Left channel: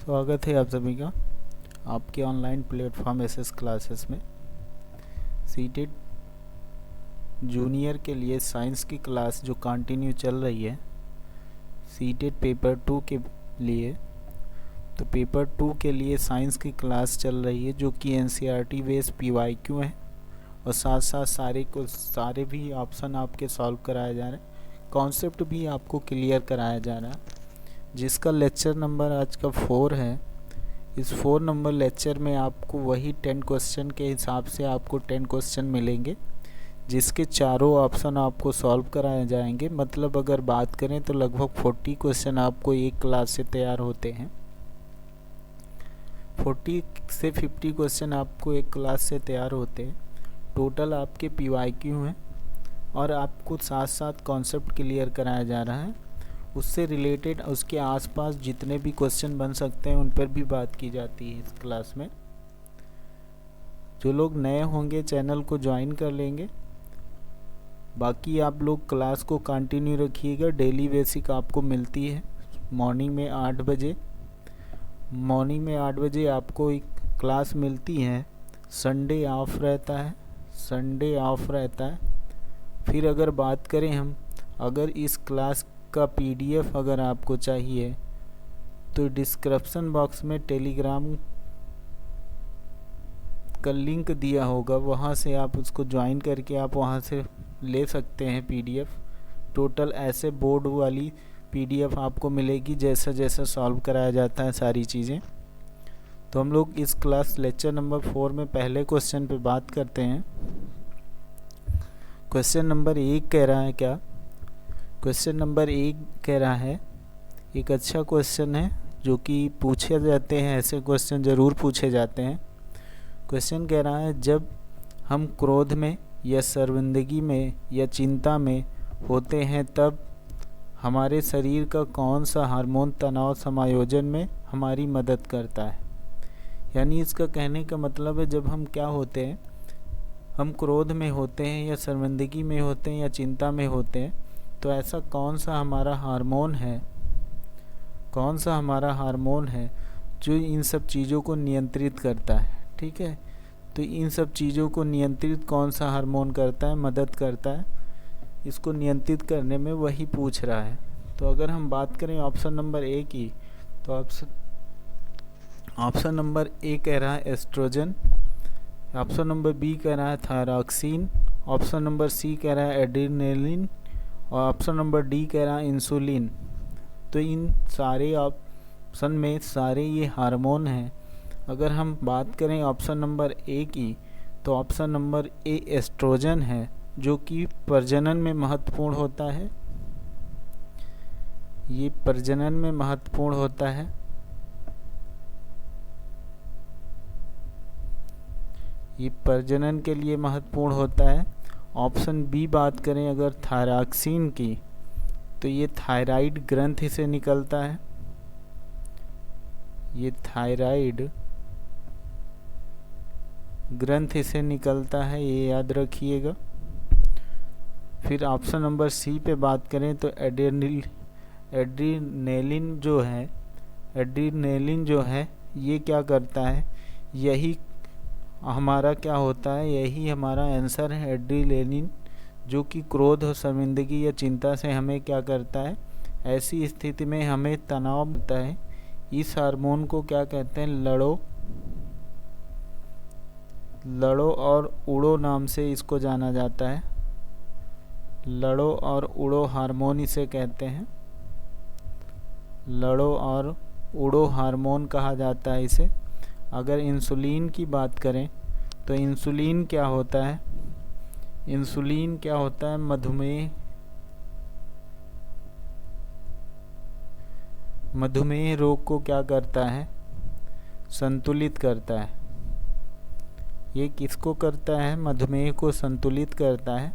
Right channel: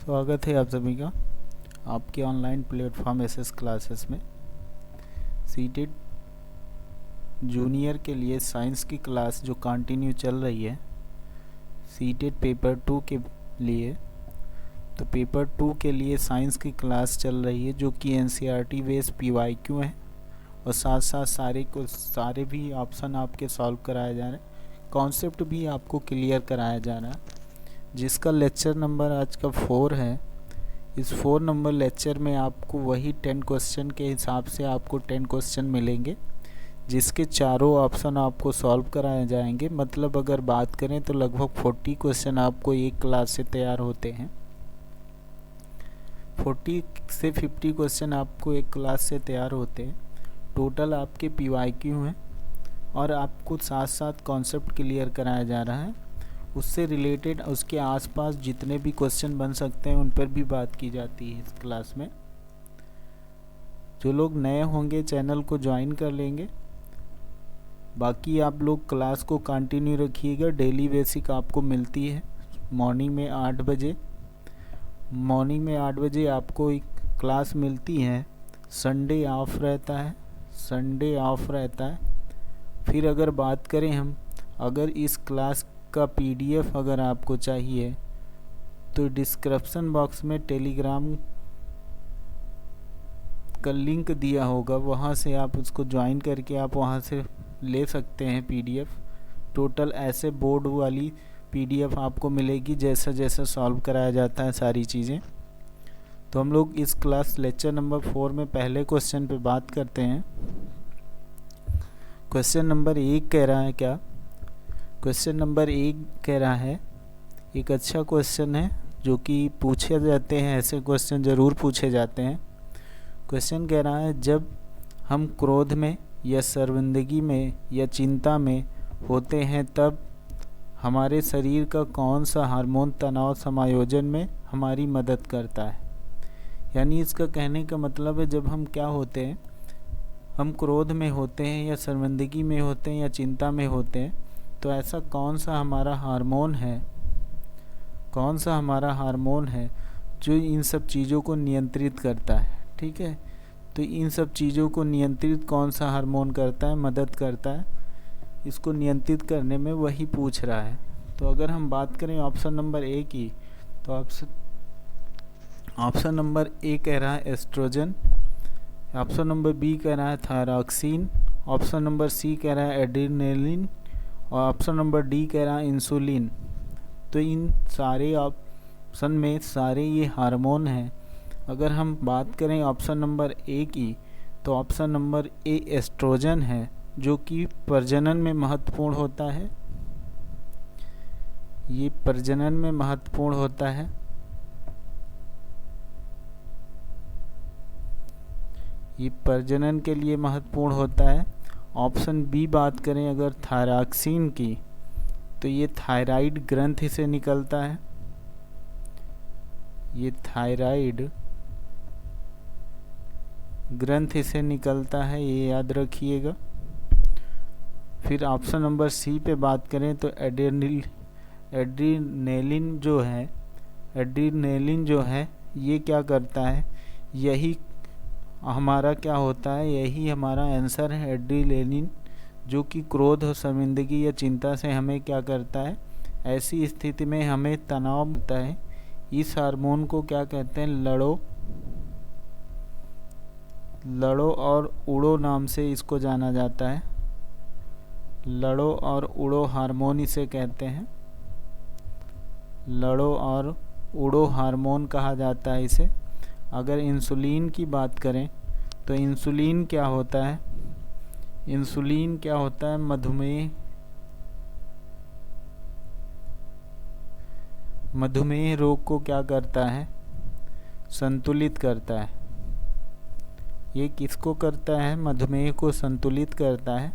स्वागत है आप सभी का आपके ऑनलाइन प्लेटफॉर्म एसएस क्लासेस में। सीटेट जूनियर के लिए साइंस की क्लास जो कंटिन्यू चल रही है सीटेट पेपर 2 के लिए। तो पेपर 2 के लिए साइंस की क्लास चल रही है जो कि एनसीईआरटी बेस्ड पीवाईक्यू है और साथ साथ सारे भी ऑप्शन आपके सॉल्व कराया जा रहा है, कॉन्सेप्ट भी आपको क्लियर कराया जा रहा है, जिसका लेक्चर नंबर आज का 4 है। इस 4 नंबर लेक्चर में आपको वही 10 क्वेश्चन के हिसाब से आपको 10 क्वेश्चन मिलेंगे, जिसके चारों ऑप्शन आपको सॉल्व कराए जाएंगे। मतलब अगर बात करें तो लगभग 40 क्वेश्चन आपको एक क्लास से तैयार होते हैं। 40 से 50 क्वेश्चन आपको एक क्लास से तैयार होते हैं। टोटल आपके पीवाईक्यू हैं और आपको साथ साथ कॉन्सेप्ट क्लियर कराया जा रहा है। उससे रिलेटेड उसके आसपास जितने भी क्वेश्चन बन सकते हैं उन पर भी बात की जाती है इस क्लास में। जो लोग नए होंगे चैनल को ज्वाइन कर लेंगे, बाकी आप लोग क्लास को कंटिन्यू रखिएगा। डेली बेसिक आपको मिलती है मॉर्निंग में 8 बजे। मॉर्निंग में 8 बजे आपको एक क्लास मिलती है। संडे ऑफ रहता है। फिर अगर बात करें हम, अगर इस क्लास का पीडीएफ अगर आपको चाहिए तो डिस्क्रिप्शन बॉक्स में टेलीग्राम का लिंक दिया होगा, वहाँ से आप उसको ज्वाइन करके आप वहाँ से ले सकते हैं पीडीएफ। टोटल ऐसे बोर्ड वाली पीडीएफ आपको मिलेगी जैसा जैसा सॉल्व कराया जाता है सारी चीज़ें। तो हम लोग इस क्लास लेक्चर नंबर 4 में पहले क्वेश्चन पे बात करते हैं। क्वेश्चन नंबर 1 कह रहा है क्या? क्वेश्चन नंबर 1 कह रहा है, एक अच्छा क्वेश्चन है जो कि पूछे जाते हैं, ऐसे क्वेश्चन ज़रूर पूछे जाते हैं। क्वेश्चन कह रहा है, जब हम क्रोध में या शर्मिंदगी में या चिंता में होते हैं तब हमारे शरीर का कौन सा हार्मोन तनाव समायोजन में हमारी मदद करता है। यानी इसका कहने का मतलब है, जब हम क्या होते हैं, हम क्रोध में होते हैं या शर्मिंदगी में होते हैं या चिंता में होते हैं, तो ऐसा कौन सा हमारा हार्मोन है जो इन सब चीज़ों को नियंत्रित करता है। ठीक है, तो इन सब चीज़ों को नियंत्रित कौन सा हार्मोन करता है, मदद करता है इसको नियंत्रित करने में, वही पूछ रहा है। तो अगर हम बात करें ऑप्शन नंबर ए की, तो ऑप्शन नंबर ए कह रहा है एस्ट्रोजन, ऑप्शन नंबर बी कह रहा है थायरॉक्सिन, ऑप्शन नंबर सी कह रहा है एड्रेनलिन और ऑप्शन नंबर डी कह रहा है इंसुलिन। तो इन सारे ऑप्शन में सारे ये हार्मोन हैं। अगर हम बात करें ऑप्शन नंबर ए की, तो ऑप्शन नंबर ए एस्ट्रोजन है जो कि प्रजनन में महत्वपूर्ण होता है। ये प्रजनन में महत्वपूर्ण होता है। ये प्रजनन के लिए महत्वपूर्ण होता है। ऑप्शन बी बात करें अगर थायरॉक्सिन की, तो ये थायराइड ग्रंथि से निकलता है। ये थायराइड ग्रंथि से निकलता है, ये याद रखिएगा। फिर ऑप्शन नंबर सी पे बात करें तो एड्रीनेलिन जो है ये क्या करता है, यही हमारा क्या होता है, यही हमारा आंसर है एड्रीनेलिन, जो कि क्रोध और शर्मिंदगी या चिंता से हमें क्या करता है, ऐसी स्थिति में हमें तनाव मिलता है। इस हार्मोन को क्या कहते हैं, लड़ो और उड़ो नाम से इसको जाना जाता है। लड़ो और उड़ो हार्मोन इसे कहते हैं। लड़ो और उड़ो हार्मोन कहा जाता है इसे। अगर इंसुलिन की बात करें तो इंसुलिन क्या होता है, मधुमेह रोग को क्या करता है, संतुलित करता है। ये किसको करता है, मधुमेह को संतुलित करता है।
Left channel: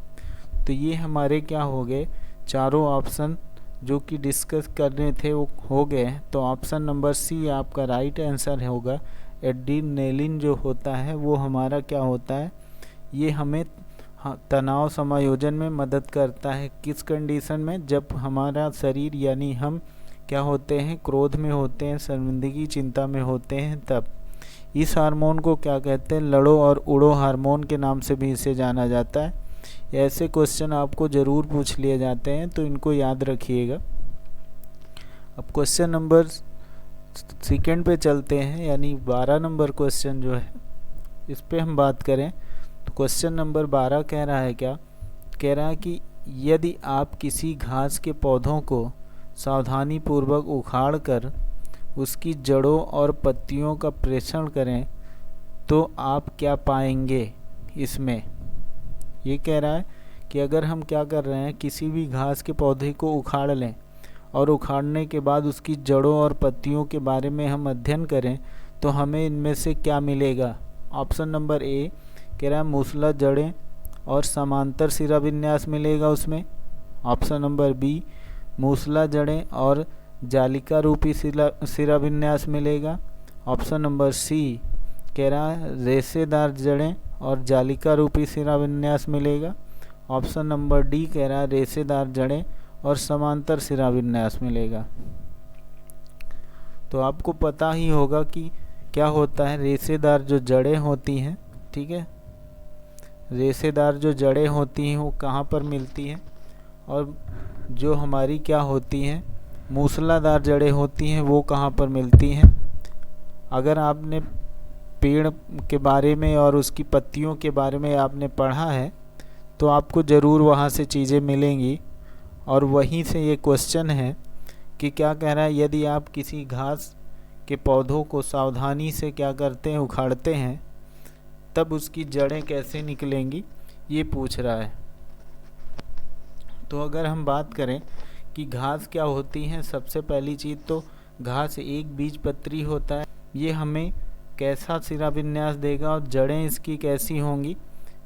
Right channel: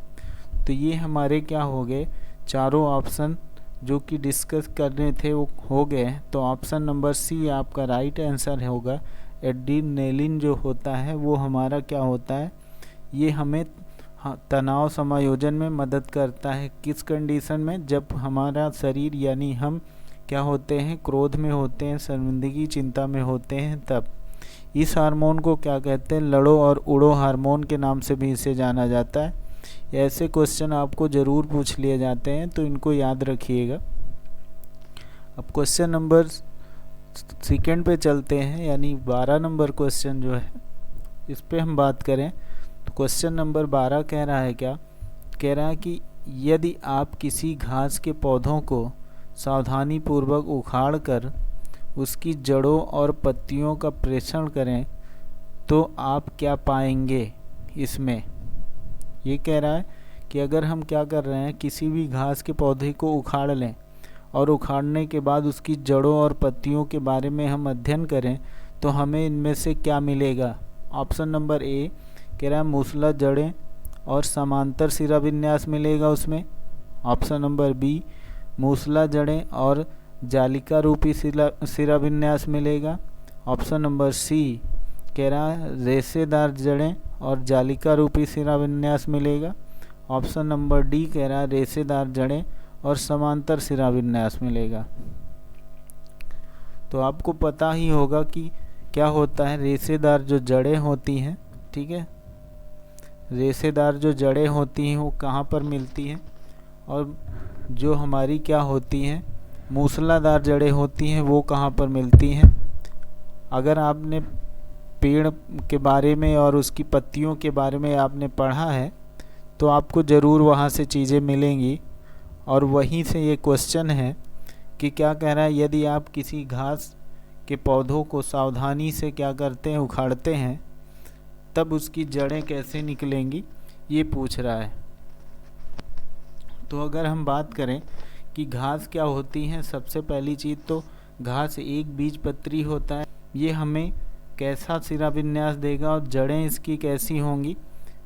तो ये हमारे क्या हो गए, चारों ऑप्शन जो कि डिस्कस करने थे वो हो गए। तो ऑप्शन नंबर सी आपका राइट आंसर होगा। एड्रेनलिन जो होता है वो हमारा क्या होता है, ये हमें तनाव समायोजन में मदद करता है। किस कंडीशन में, जब हमारा शरीर यानी हम क्या होते हैं, क्रोध में होते हैं, शर्मिंदगी चिंता में होते हैं तब। इस हार्मोन को क्या कहते हैं, लड़ो और उड़ो हार्मोन के नाम से भी इसे जाना जाता है। ऐसे क्वेश्चन आपको ज़रूर पूछ लिए जाते हैं, तो इनको याद रखिएगा। अब क्वेश्चन नंबर सेकंड पे चलते हैं, यानी 12 नंबर क्वेश्चन जो है इस पे हम बात करें तो क्वेश्चन नंबर 12 कह रहा है क्या, कह रहा है कि यदि आप किसी घास के पौधों को सावधानी पूर्वक उखाड़ कर उसकी जड़ों और पत्तियों का परीक्षण करें तो आप क्या पाएंगे। इसमें ये कह रहा है कि अगर हम क्या कर रहे हैं, किसी भी घास के पौधे को उखाड़ लें और उखाड़ने के बाद उसकी जड़ों और पत्तियों के बारे में हम अध्ययन करें तो हमें इनमें से क्या मिलेगा। ऑप्शन नंबर ए कह रहा है मूसला जड़ें और समांतर सिरा विन्यास मिलेगा उसमें। ऑप्शन नंबर बी मूसला जड़ें और जालिका रूपी सिरा विन्यास मिलेगा। ऑप्शन नंबर सी कह रहा है रेशेदार जड़ें और जालिका रूपी सिरा विन्यास मिलेगा। ऑप्शन नंबर डी कह रहा है रेशेदार जड़ें और समांतर सिरा विन्यास मिलेगा। तो आपको पता ही होगा कि क्या होता है, रेशेदार जो जड़ें होती हैं, ठीक है, रेशेदार जो जड़ें होती हैं वो कहाँ पर मिलती हैं, और जो हमारी क्या होती हैं मूसलाधार जड़ें होती हैं वो कहाँ पर मिलती हैं। अगर आपने पेड़ के बारे में और उसकी पत्तियों के बारे में आपने पढ़ा है तो आपको ज़रूर वहाँ से चीज़ें मिलेंगी। और वहीं से ये क्वेश्चन है कि क्या कह रहा है, यदि आप किसी घास के पौधों को सावधानी से क्या करते हैं, उखाड़ते हैं, तब उसकी जड़ें कैसे निकलेंगी, ये पूछ रहा है। तो अगर हम बात करें कि घास क्या होती हैं, सबसे पहली चीज़ तो घास एक बीजपत्री होता है। ये हमें कैसा सिरा विन्यास देगा और जड़ें इसकी कैसी होंगी।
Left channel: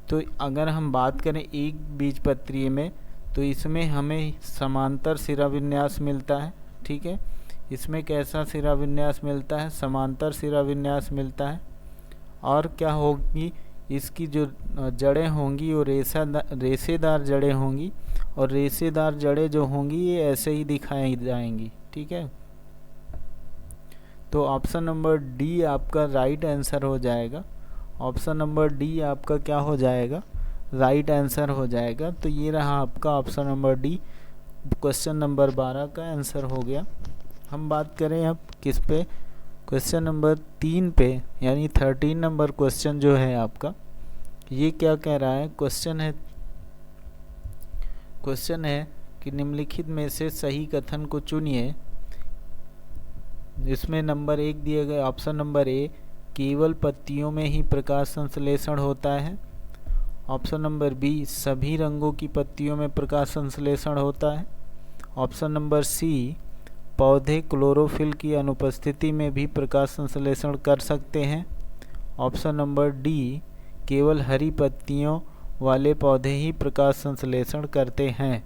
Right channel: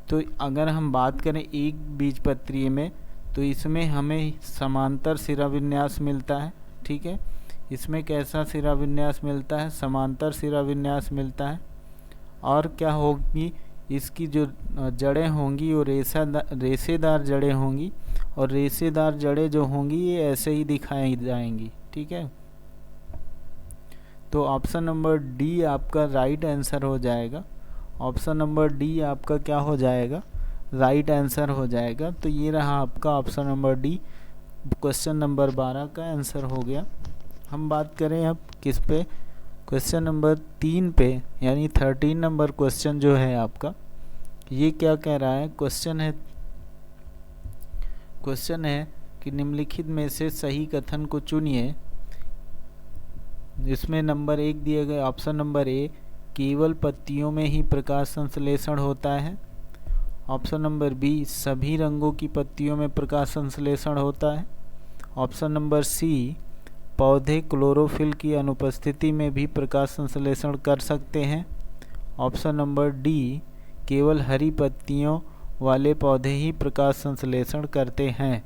तो अगर हम बात करें एक बीजपत्री में तो इसमें हमें समांतर सिरा विन्यास मिलता है, ठीक है। इसमें कैसा सिरा विन्यास मिलता है, समांतर सिरा विन्यास मिलता है। और क्या होगी, इसकी जो जड़ें होंगी वो रेशेदार जड़ें होंगी, और रेशेदार जड़ें जो होंगी ये ऐसे ही दिखाई जाएंगी, ठीक है। तो ऑप्शन नंबर डी आपका राइट आंसर हो जाएगा। ऑप्शन नंबर डी आपका क्या हो जाएगा, राइट आंसर हो जाएगा। तो ये रहा आपका option number D, question number 12 का आंसर हो गया। हम बात करें अब किस पे, क्वेश्चन नंबर 3 पे, यानी 13 नंबर क्वेश्चन जो है आपका, ये क्या कह रहा है, क्वेश्चन है कि निम्नलिखित में से सही कथन को चुनिए। इसमें नंबर 1 दिए गए, ऑप्शन नंबर ए केवल पत्तियों में ही प्रकाश संश्लेषण होता है। ऑप्शन नंबर बी सभी रंगों की पत्तियों में प्रकाश संश्लेषण होता है। ऑप्शन नंबर सी पौधे क्लोरोफिल की अनुपस्थिति में भी प्रकाश संश्लेषण कर सकते हैं। ऑप्शन नंबर डी केवल हरी पत्तियों वाले पौधे ही प्रकाश संश्लेषण करते हैं।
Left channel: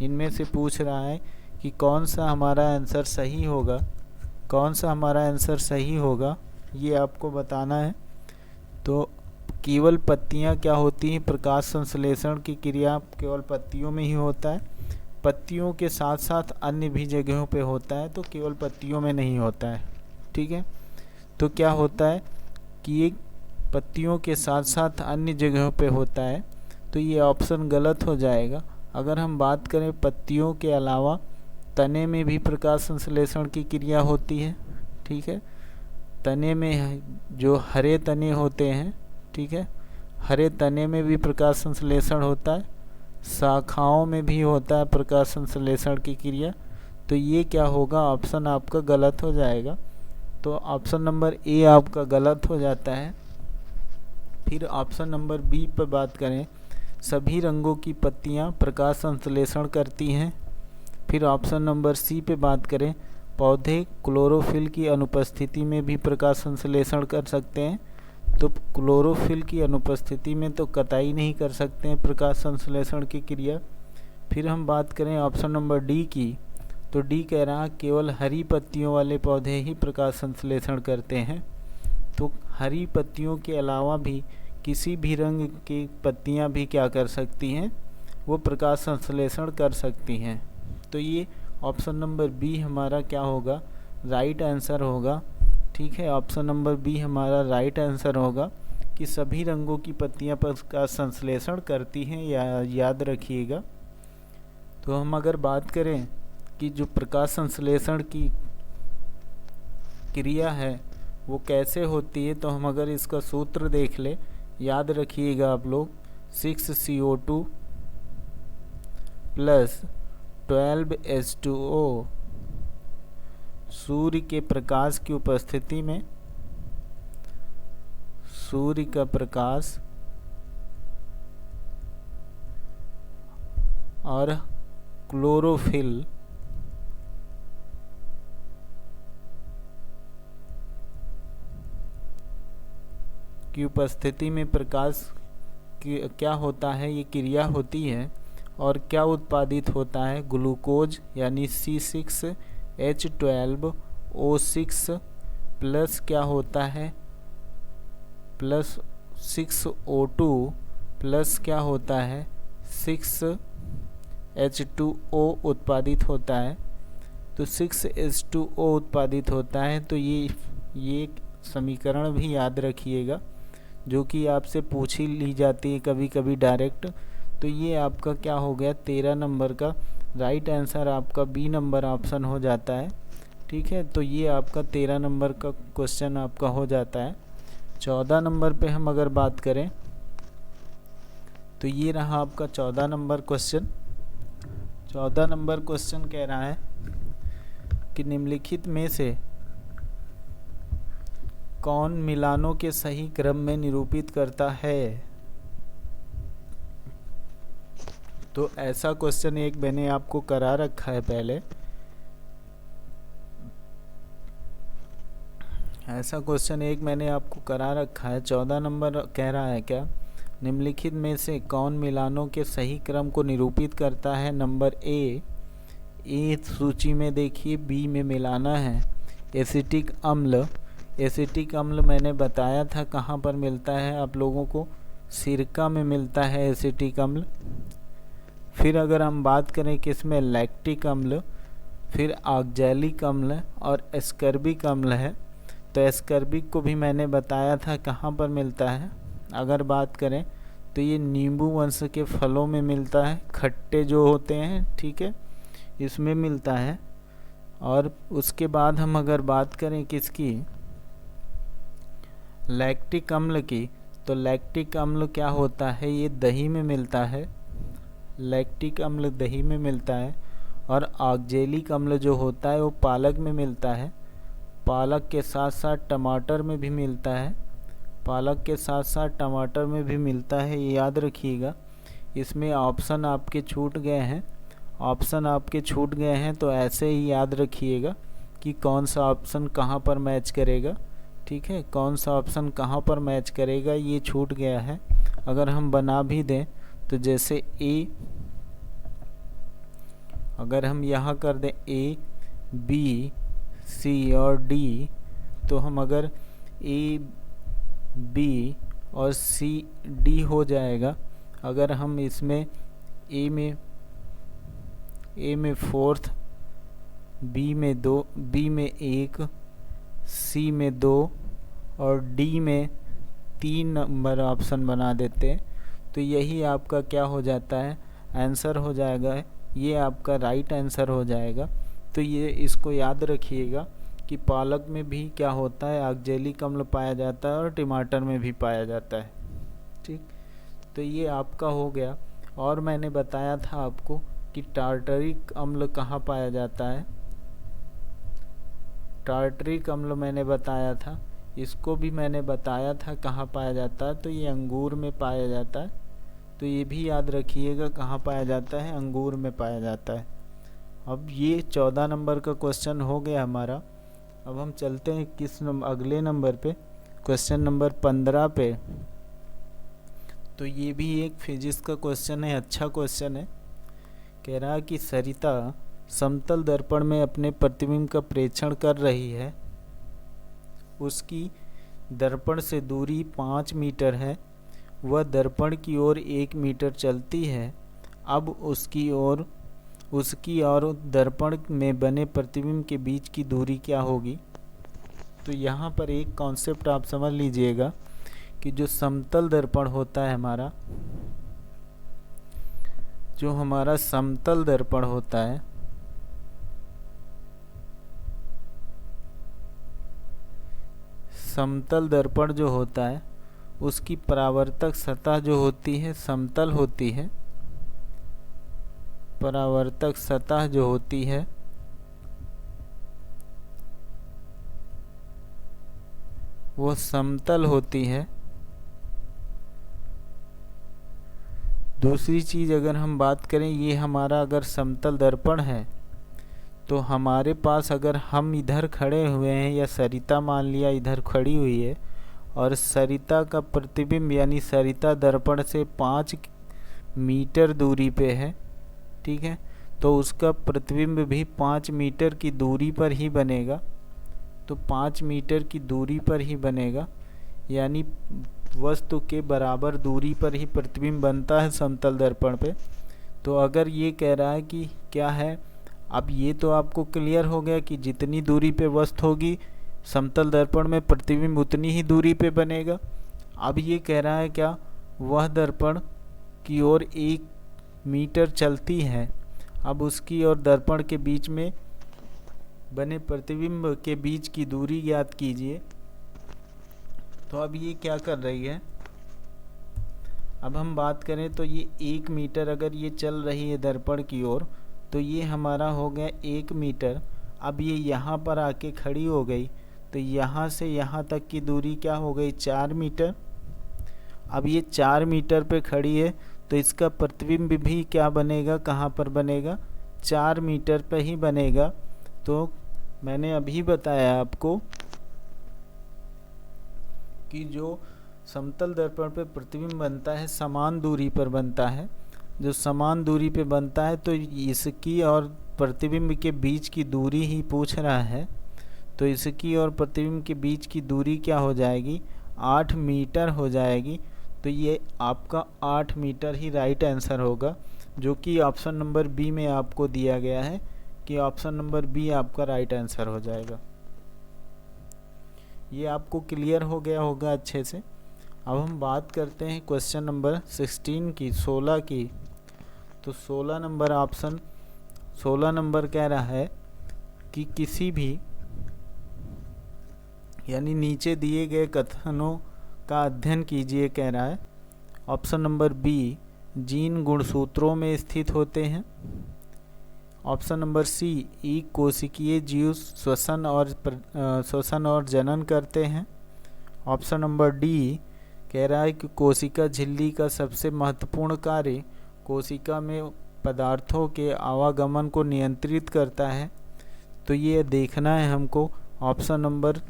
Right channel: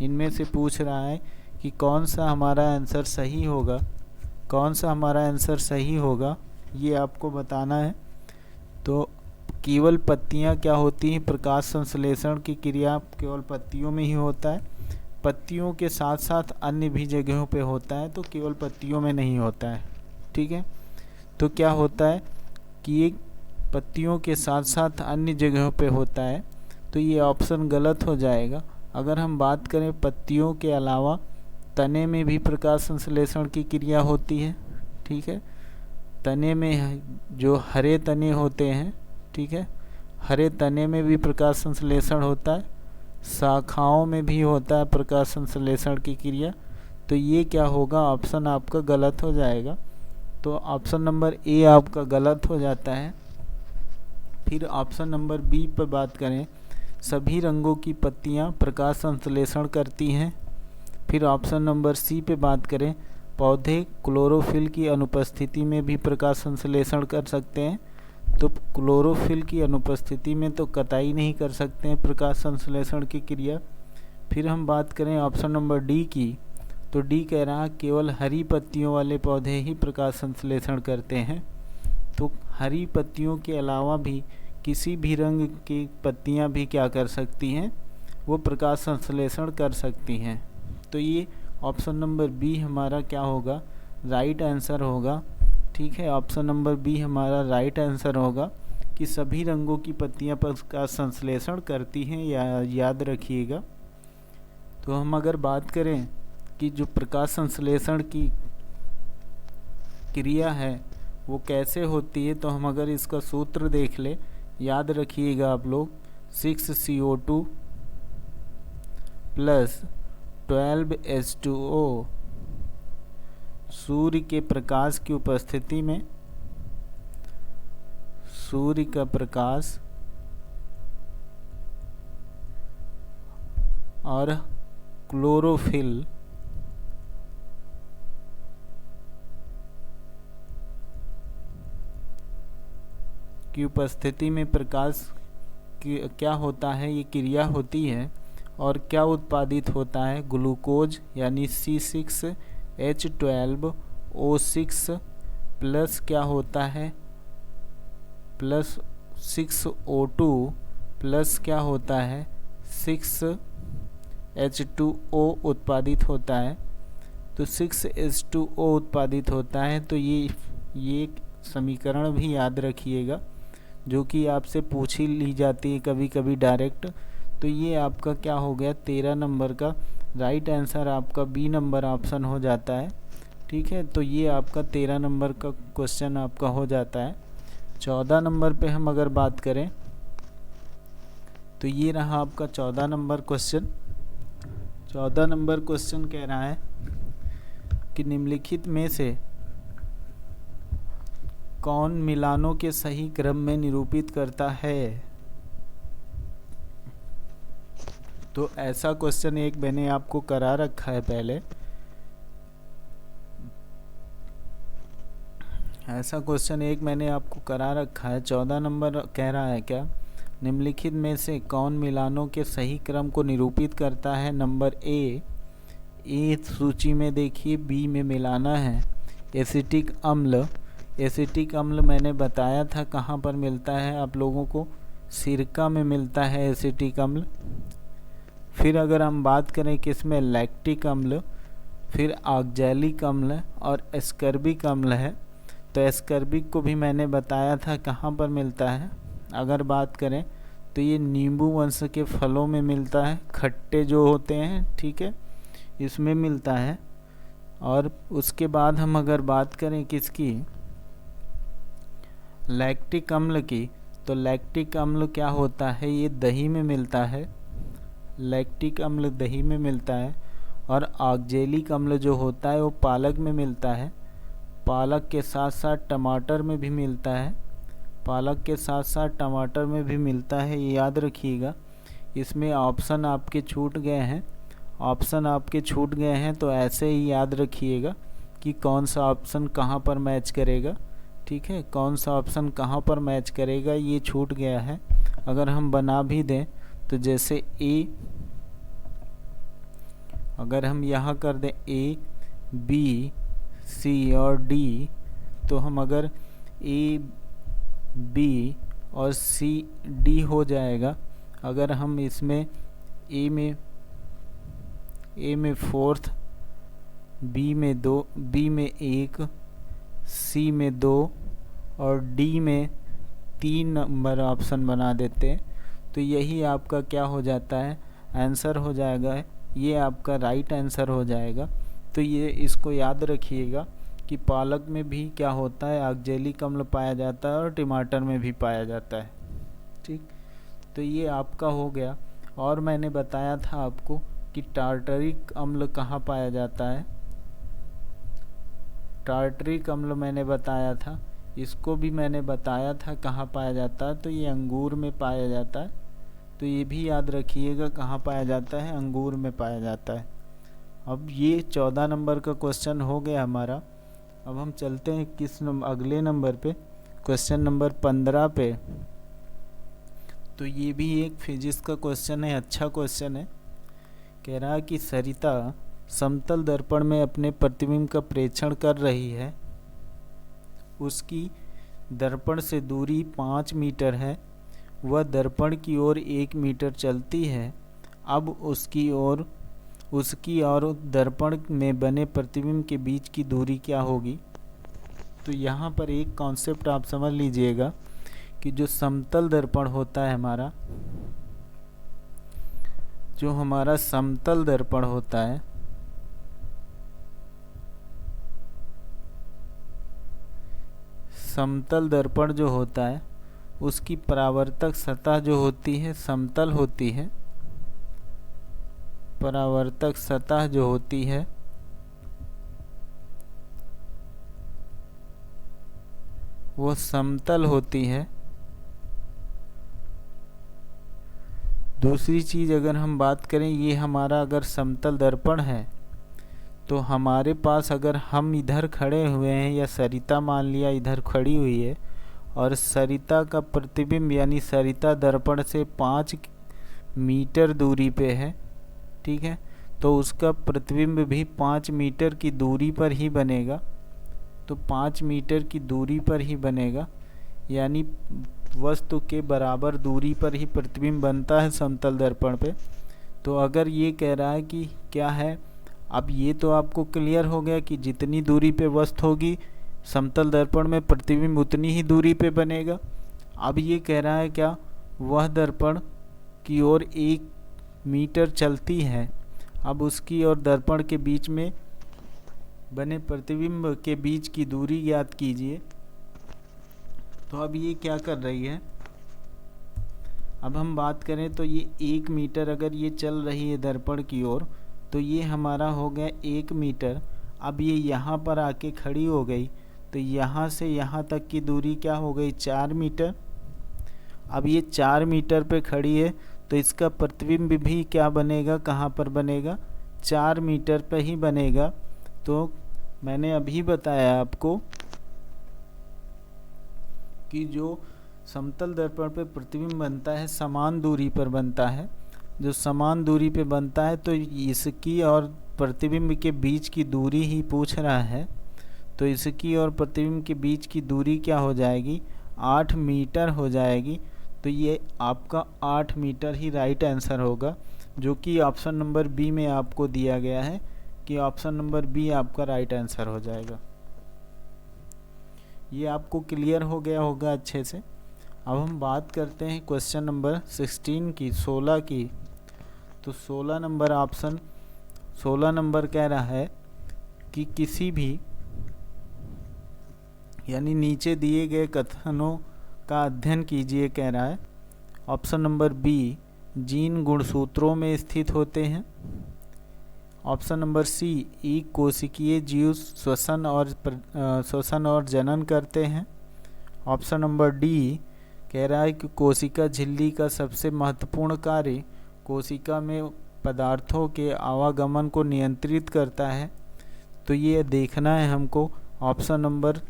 इनमें से पूछ रहा है कि कौन सा हमारा आंसर सही होगा, कौन सा हमारा आंसर सही होगा, ये आपको बताना है। तो केवल पत्तियां क्या होती हैं, प्रकाश संश्लेषण की क्रिया केवल पत्तियों में ही होता है। पत्तियों के साथ साथ अन्य भी जगहों पे होता है, तो केवल पत्तियों में नहीं होता है, ठीक है। तो क्या होता है कि ये पत्तियों के साथ साथ अन्य जगहों पे होता है, तो ये ऑप्शन गलत हो जाएगा। अगर हम बात करें पत्तियों के अलावा तने में भी प्रकाश संश्लेषण की क्रिया होती है, ठीक है। तने में जो हरे तने होते हैं, ठीक है, हरे तने में भी प्रकाश संश्लेषण होता है, शाखाओं में भी होता है प्रकाश संश्लेषण की क्रिया। तो ये क्या होगा, ऑप्शन आपका गलत हो जाएगा। तो ऑप्शन नंबर ए आपका गलत हो जाता है। फिर ऑप्शन नंबर बी पर बात करें, सभी रंगों की पत्तियां प्रकाश संश्लेषण करती हैं। फिर ऑप्शन नंबर सी पे बात करें, पौधे क्लोरोफिल की अनुपस्थिति में भी प्रकाश संश्लेषण कर सकते हैं। तो क्लोरोफिल की अनुपस्थिति में तो कतई नहीं कर सकते हैं प्रकाश संश्लेषण की क्रिया। फिर हम बात करें ऑप्शन नंबर डी की, तो डी कह रहा है केवल हरी पत्तियों वाले पौधे ही प्रकाश संश्लेषण करते हैं। तो हरी पत्तियों के अलावा भी किसी भी रंग की पत्तियां भी क्या कर सकती हैं, वो प्रकाश संश्लेषण कर सकती हैं। तो ये ऑप्शन नंबर बी हमारा क्या होगा, राइट आंसर होगा। ठीक है, ऑप्शन नंबर बी हमारा राइट आंसर होगा कि सभी रंगों की पत्तियां प्रकाश संश्लेषण करती हैं, याद रखिएगा। तो हम अगर बात करें कि जो प्रकाश संश्लेषण की क्रिया है वो कैसे होती है, तो हम अगर इसका सूत्र देख ले, याद रखिएगा आप लोग, 6CO2 प्लस 12H2O सूर्य के प्रकाश की उपस्थिति में, सूर्य का प्रकाश और क्लोरोफिल की उपस्थिति में प्रकाश क्या होता है, ये क्रिया होती है और क्या उत्पादित होता है, ग्लूकोज यानी C6H12O6 प्लस क्या होता है, प्लस 6O2 प्लस क्या होता है 6H2O उत्पादित होता है। तो 6H2O उत्पादित होता है। तो ये समीकरण भी याद रखिएगा, जो कि आपसे पूछ ही ली जाती है कभी कभी डायरेक्ट। तो ये आपका क्या हो गया, 13 नंबर का राइट आंसर आपका बी नंबर ऑप्शन हो जाता है। ठीक है, तो ये आपका 13 नंबर का क्वेश्चन आपका हो जाता है। 14 नंबर पे हम अगर बात करें तो ये रहा आपका 14 नंबर क्वेश्चन। 14 नंबर क्वेश्चन कह रहा है कि निम्नलिखित में से कौन मिलानों के सही क्रम में निरूपित करता है। तो ऐसा क्वेश्चन एक मैंने आपको करा रखा है पहले, ऐसा क्वेश्चन एक मैंने आपको करा रखा है। 14 नंबर कह रहा है क्या, निम्नलिखित में से कौन मिलानों के सही क्रम को निरूपित करता है। नंबर ए सूची में देखिए, बी में मिलाना है एसिटिक अम्ल। एसिटिक अम्ल मैंने बताया था कहाँ पर मिलता है आप लोगों को, सिरका में मिलता है एसिटिक अम्ल। फिर अगर हम बात करें किसमें, लैक्टिक अम्ल, फिर ऑक्जेलिक अम्ल और एस्कर्बिक अम्ल है। तो एस्कर्बिक को भी मैंने बताया था कहाँ पर मिलता है। अगर बात करें तो ये नींबू वंश के फलों में मिलता है, खट्टे जो होते हैं, ठीक है, इसमें मिलता है। और उसके बाद हम अगर बात करें किसकी, लैक्टिक अम्ल की, तो लैक्टिक अम्ल क्या होता है, ये दही में मिलता है, लैक्टिक अम्ल दही में मिलता है। और ऑक्जेलिक अम्ल जो होता है वो पालक में मिलता है, पालक के साथ साथ टमाटर में भी मिलता है, पालक के साथ साथ टमाटर में भी मिलता है, ये याद रखिएगा। इसमें ऑप्शन आपके छूट गए हैं, ऑप्शन आपके छूट गए हैं, तो ऐसे ही याद रखिएगा कि कौन सा ऑप्शन कहाँ पर मैच करेगा। ठीक है, कौन सा ऑप्शन कहाँ पर मैच करेगा ये छूट गया है। अगर हम बना भी दें तो जैसे ए, अगर हम यहाँ कर दें ए बी सी और डी, तो हम अगर ए बी और सी डी हो जाएगा। अगर हम इसमें ए में 4th, बी में 2, बी में 1, सी में 2 और डी में 3 नंबर ऑप्शन बना देते हैं, तो यही आपका क्या हो जाता है, आंसर हो जाएगा। ये आपका राइट आंसर हो जाएगा। तो ये इसको याद रखिएगा कि पालक में भी क्या होता है, ऑक्जेलिक अम्ल पाया जाता है और टमाटर में भी पाया जाता है। ठीक, तो ये आपका हो गया। और मैंने बताया था आपको कि टार्टरिक अम्ल कहाँ पाया जाता है, टार्टरिक अम्ल मैंने बताया था, इसको भी मैंने बताया था कहाँ पाया जाता है, तो ये अंगूर में पाया जाता है। तो ये भी याद रखिएगा कहाँ पाया जाता है, अंगूर में पाया जाता है। अब ये 14 नंबर का क्वेश्चन हो गया हमारा। अब हम चलते हैं किस अगले नंबर पे, क्वेश्चन नंबर 15 पे। तो ये भी एक फिजिक्स का क्वेश्चन है, अच्छा क्वेश्चन है। कह रहा है कि सरिता समतल दर्पण में अपने प्रतिबिंब का प्रेक्षण कर रही है, उसकी दर्पण से दूरी 5 मीटर है, वह दर्पण की ओर 1 मीटर चलती है। अब उसकी और दर्पण में बने प्रतिबिंब के बीच की दूरी क्या होगी। तो यहाँ पर एक कॉन्सेप्ट आप समझ लीजिएगा कि जो समतल दर्पण होता है हमारा, जो हमारा समतल दर्पण होता है, समतल दर्पण जो होता है उसकी परावर्तक सतह जो होती है समतल होती है। परावर्तक सतह जो होती है वो समतल होती है। दूसरी चीज़ अगर हम बात करें, ये हमारा अगर समतल दर्पण है तो हमारे पास अगर हम इधर खड़े हुए हैं या सरिता मान लिया इधर खड़ी हुई है और सरिता का प्रतिबिंब यानी सरिता दर्पण से 5 मीटर दूरी पे है, ठीक है, तो उसका प्रतिबिंब भी 5 मीटर की दूरी पर ही बनेगा। तो 5 मीटर की दूरी पर ही बनेगा, यानी वस्तु के बराबर दूरी पर ही प्रतिबिंब बनता है समतल दर्पण पे। तो अगर ये कह रहा है कि क्या है, अब ये तो आपको क्लियर हो गया कि जितनी दूरी पे वस्तु होगी समतल दर्पण में प्रतिबिंब उतनी ही दूरी पे बनेगा। अब ये कह रहा है क्या, वह दर्पण की ओर 1 मीटर चलती है। अब उसकी और दर्पण के बीच में बने प्रतिबिंब के बीच की दूरी ज्ञात कीजिए। तो अब ये क्या कर रही है, अब हम बात करें तो ये 1 मीटर अगर ये चल रही है दर्पण की ओर, तो ये हमारा हो गया 1 मीटर। अब ये यहाँ पर आके खड़ी हो गई, तो यहाँ से यहाँ तक की दूरी क्या हो गई 4 मीटर। अब ये 4 मीटर पे खड़ी है तो इसका प्रतिबिंब भी क्या बनेगा, कहाँ पर बनेगा, 4 मीटर पे ही बनेगा। तो मैंने अभी बताया आपको कि जो समतल दर्पण पे प्रतिबिंब बनता है समान दूरी पर बनता है। जो समान दूरी पे बनता है तो इसकी और प्रतिबिंब के बीच की दूरी ही पूछ रहा है। तो इसकी और प्रतिबिंब के बीच की दूरी क्या हो जाएगी, 8 मीटर हो जाएगी। तो ये आपका 8 मीटर ही राइट आंसर होगा, जो कि ऑप्शन नंबर बी में आपको दिया गया है कि ऑप्शन नंबर बी आपका राइट आंसर हो जाएगा। ये आपको क्लियर हो गया होगा अच्छे से। अब हम बात करते हैं क्वेश्चन नंबर 16 की, 16 की। तो 16 नंबर ऑप्शन 16 नंबर कह रहा है कि किसी भी यानी नीचे दिए गए कथनों का अध्ययन कीजिए कह रहा है। ऑप्शन नंबर बी, जीन गुणसूत्रों में स्थित होते हैं। ऑप्शन नंबर सी, एक कोशिकीय जीव श्वसन और जनन करते हैं। ऑप्शन नंबर डी कह रहा है कि कोशिका झिल्ली का सबसे महत्वपूर्ण कार्य कोशिका में पदार्थों के आवागमन को नियंत्रित करता है। तो ये देखना है हमको। ऑप्शन नंबर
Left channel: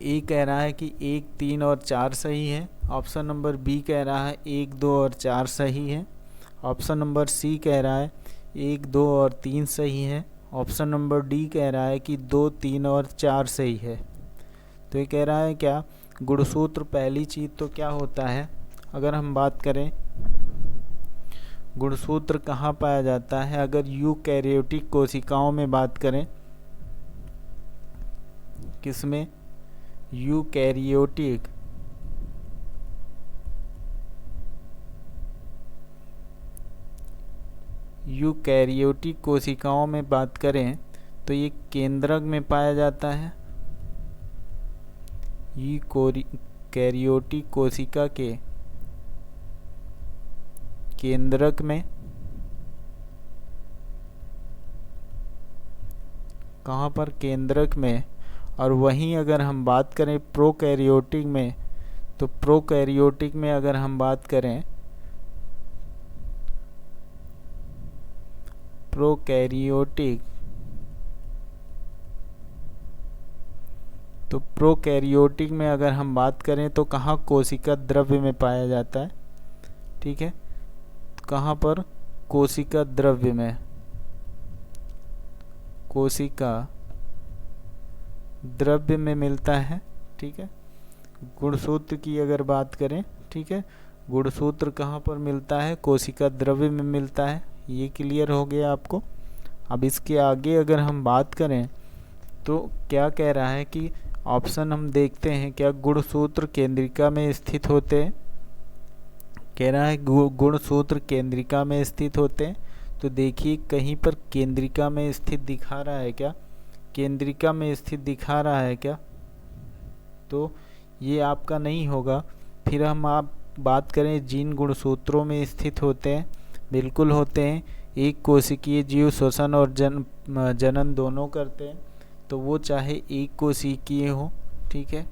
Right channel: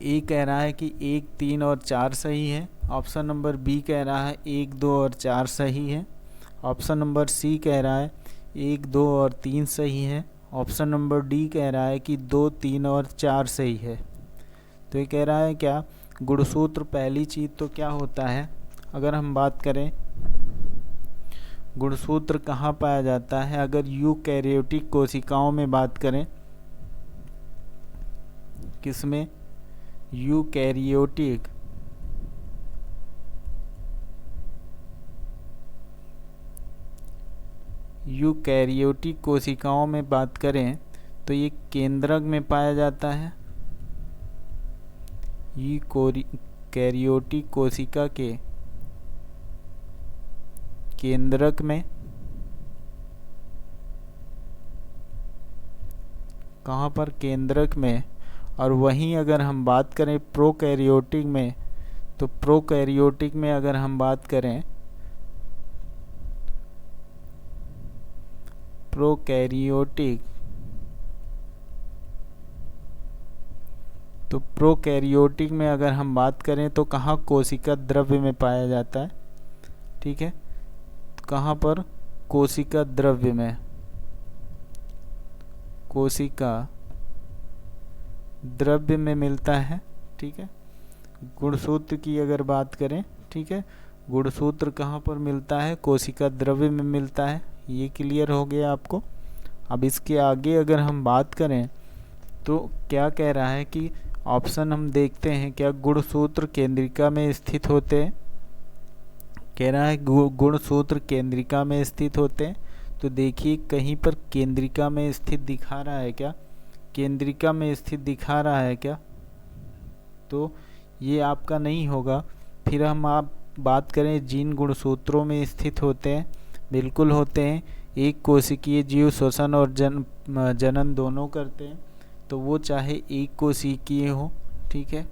ए कह रहा है कि 1, 3 और 4 सही है। ऑप्शन नंबर बी कह रहा है 1, 2 और 4 सही है। ऑप्शन नंबर सी कह रहा है 1, 2 और 3 सही है। ऑप्शन नंबर डी कह रहा है कि 2, 3 और 4 सही है। तो ये कह रहा है क्या, गुणसूत्र पहली चीज़ तो क्या होता है, अगर हम बात करें गुणसूत्र कहाँ पाया जाता है, अगर यूकैरियोटिक कोशिकाओं में बात करें, किसमें, यूकैरियोटिक कोशिकाओं में बात करें तो ये केंद्रक में पाया जाता है। यूकैरियोटिक कोशिका के केंद्रक में, कहाँ पर, केंद्रक में। और वहीं अगर हम बात करें प्रोकैरियोटिक में, तो प्रोकैरियोटिक में अगर हम बात करें, प्रोकैरियोटिक, तो प्रोकैरियोटिक में अगर हम बात करें तो कहाँ कोशिका द्रव्य में पाया जाता है, ठीक है, कहाँ पर, कोशिका द्रव्य में, कोशिका द्रव्य में मिलता है, ठीक है। गुणसूत्र की अगर बात करें, ठीक है, गुणसूत्र कहाँ पर मिलता है, कोशिका द्रव्य में मिलता है, ये क्लियर हो गया आपको। अब इसके आगे अगर हम बात करें तो क्या कह रहा है कि ऑप्शन हम देखते हैं, क्या गुणसूत्र केंद्रिका में स्थित होते हैं। कह रहा है गुणसूत्र केंद्रिका में स्थित होते हैं। तो देखिए कहीं पर केंद्रिका में स्थित दिखा रहा है क्या, केंद्रिका में स्थित दिखा रहा है क्या, तो ये आपका नहीं होगा। फिर हम आप बात करें जिन गुणसूत्रों में स्थित होते हैं, बिल्कुल होते हैं। एक कोशिकीय जीव श्वसन और जनन दोनों करते हैं, तो वो चाहे एक कोशिकीय हो, ठीक है,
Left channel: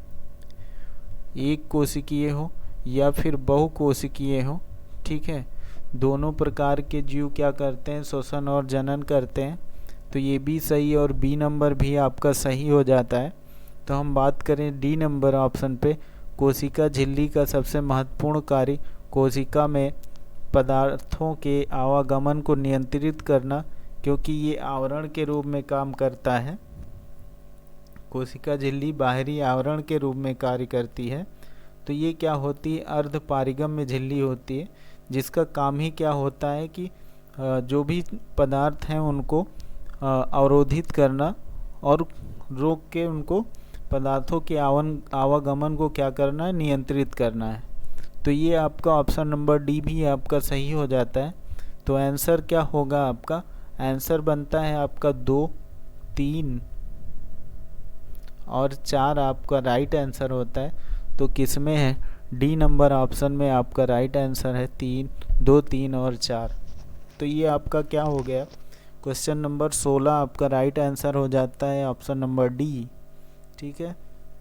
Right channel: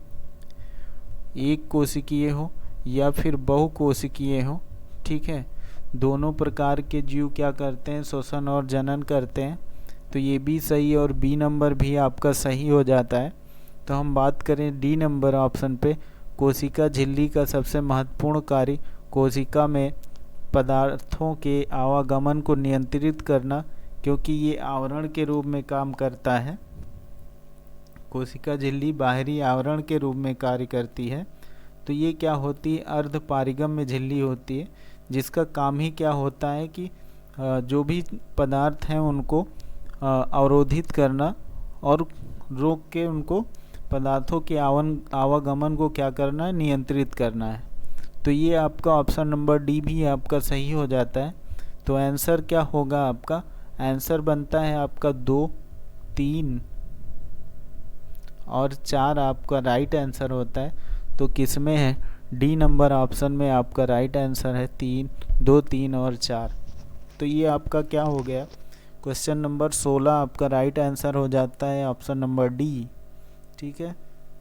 एक कोशिकीय हो या फिर बहुकोशिकीय हो, ठीक है, दोनों प्रकार के जीव क्या करते हैं, श्वसन और जनन करते हैं। तो ये भी सही और बी नंबर भी आपका सही हो जाता है। तो हम बात करें डी नंबर ऑप्शन पे, कोशिका झिल्ली का सबसे महत्वपूर्ण कार्य कोशिका में पदार्थों के आवागमन को नियंत्रित करना, क्योंकि ये आवरण के रूप में काम करता है। कोशिका झिल्ली बाहरी आवरण के रूप में कार्य करती है। तो ये क्या होती है, अर्धपारिगम्य झिल्ली होती है, जिसका काम ही क्या होता है कि जो भी पदार्थ हैं उनको अवरोधित करना और रोक के उनको पदार्थों के आवागमन को क्या करना है, नियंत्रित करना है। तो ये आपका ऑप्शन नंबर डी भी आपका सही हो जाता है। तो आंसर क्या होगा आपका, आंसर बनता है आपका 2, 3 और 4 आपका राइट आंसर होता है। तो किस में है, डी नंबर ऑप्शन में आपका राइट आंसर है 3, 2, 3 और 4। तो ये आपका क्या हो गया, क्वेश्चन नंबर 16 आपका राइट आंसर हो जाता है ऑप्शन नंबर डी, ठीक है।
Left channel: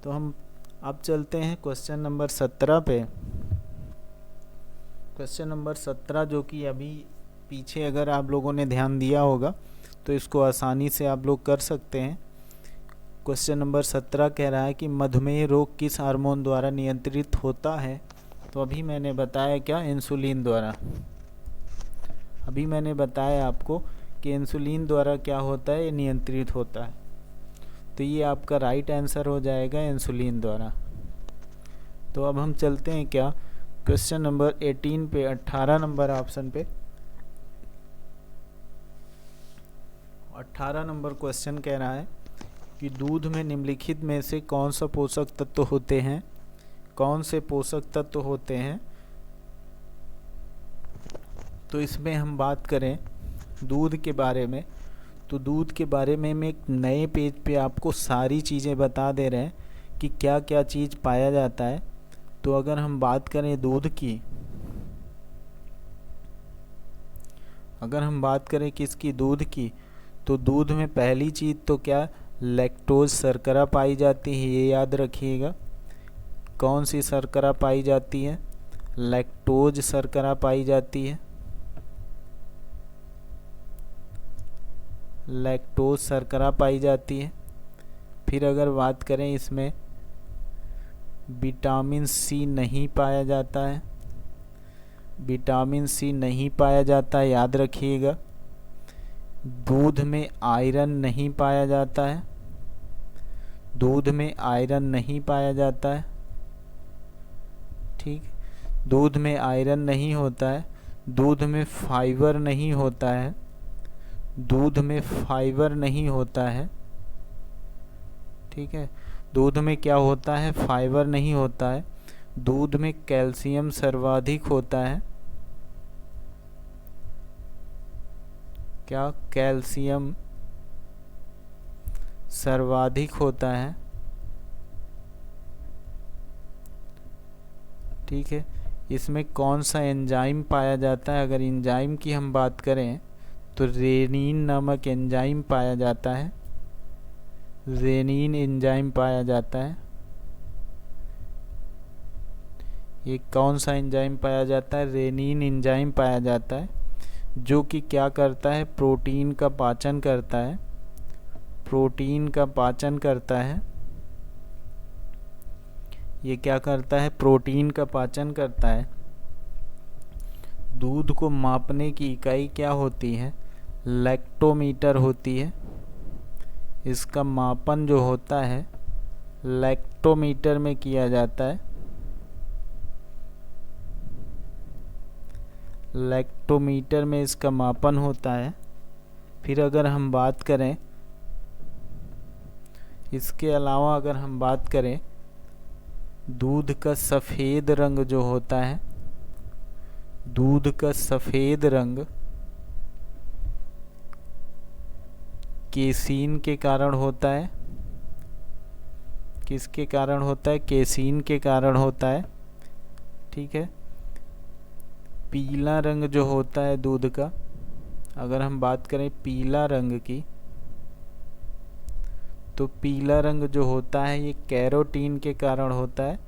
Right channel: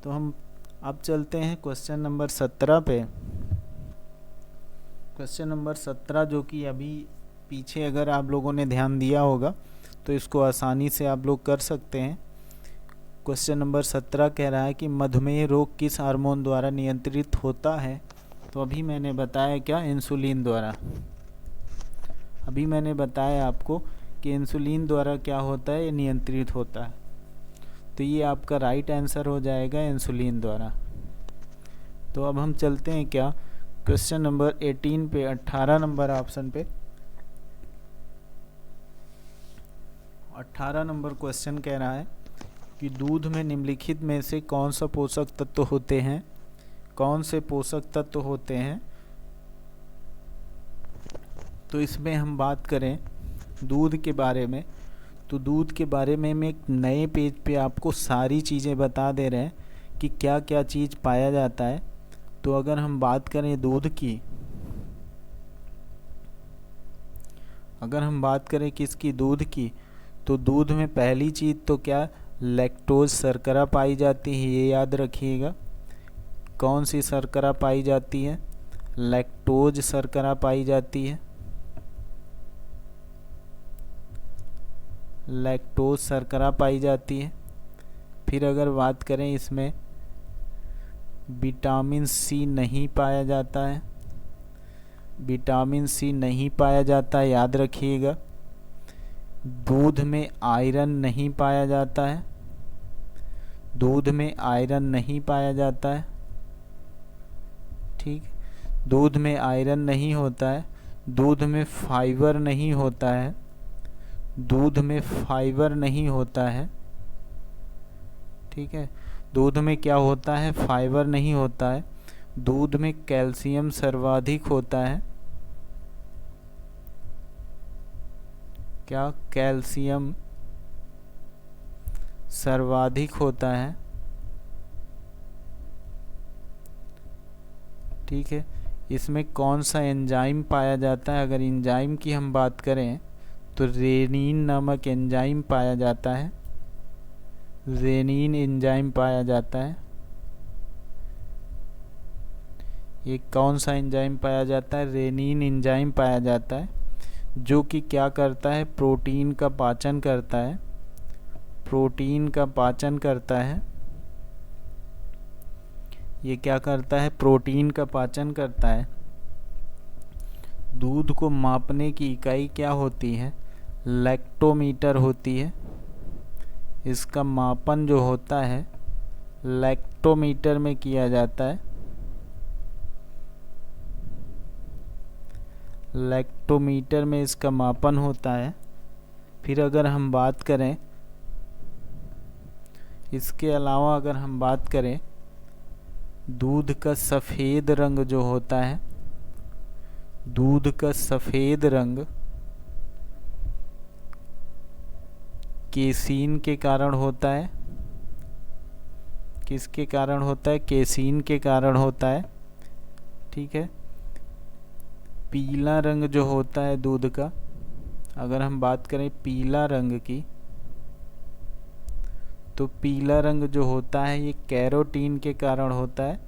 तो हम अब चलते हैं क्वेश्चन नंबर 17 पे। क्वेश्चन नंबर 17 जो कि अभी पीछे अगर आप लोगों ने ध्यान दिया होगा तो इसको आसानी से आप लोग कर सकते हैं। क्वेश्चन नंबर 17 कह रहा है कि मधुमेह रोग किस हार्मोन द्वारा नियंत्रित होता है। तो अभी मैंने बताया क्या, इंसुलिन द्वारा। अभी मैंने बताया आपको कि इंसुलिन द्वारा क्या होता है, ये नियंत्रित होता है। तो ये आपका राइट आंसर हो जाएगा, इंसुलिन द्वारा। तो अब हम चलते हैं क्या, क्वेश्चन नंबर 18 पे, 18 नंबर ऑप्शन पे। 18 नंबर क्वेश्चन कह रहा है कि दूध में निम्नलिखित में से कौन सा पोषक तत्व होते हैं, कौन से पोषक तत्व होते हैं। तो इसमें हम बात करें दूध के बारे में, तो दूध के बारे में हम एक नए पेज पे आपको सारी चीज़ें बता दे रहे हैं कि क्या क्या चीज़ पाया जाता है। तो अगर हम बात करें दूध की, अगर हम बात करें किसकी, दूध की, तो दूध में पहली चीज़ तो क्या, लैक्टोज शर्करा पाई जाती है, ये याद रखिएगा। कौन सी शर्करा पाई जाती है, लैक्टोज शर्करा पाई जाती है, लैक्टोज शर्करा पाई जाती है। फिर अगर बात करें इसमें विटामिन सी नहीं पाया जाता है, विटामिन सी नहीं पाया जाता है, याद रखिएगा। दूध में आयरन नहीं पाया जाता है, दूध में आयरन नहीं पाया जाता है, ठीक। दूध में आयरन नहीं होता है, दूध में फाइबर नहीं होता है, दूध में फाइबर नहीं होता है, ठीक है। दूध में क्या होता है, फाइबर नहीं होता है। दूध में कैल्शियम सर्वाधिक होता है, क्या, कैल्शियम सर्वाधिक होता है, ठीक है। इसमें कौन सा एंजाइम पाया जाता है, अगर एंजाइम की हम बात करें तो रेनिन नामक एंजाइम पाया जाता है, रेनिन एंजाइम पाया जाता है। ये कौन सा एंजाइम पाया जाता है, रेनिन एंजाइम पाया जाता है, जो कि क्या करता है, प्रोटीन का पाचन करता है, प्रोटीन का पाचन करता है। ये क्या करता है, प्रोटीन का पाचन करता है। दूध को मापने की इकाई क्या होती है, लैक्टोमीटर होती है। इसका मापन जो होता है लैक्टोमीटर में किया जाता है, लैक्टोमीटर में इसका मापन होता है। फिर अगर हम बात करें, इसके अलावा अगर हम बात करें, दूध का सफ़ेद रंग जो होता है, दूध का सफ़ेद रंग केसीन के कारण होता है। किसके कारण होता है? केसीन के कारण होता है। ठीक है। पीला रंग जो होता है दूध का, अगर हम बात करें पीला रंग की, तो पीला रंग जो होता है ये कैरोटीन के कारण होता है।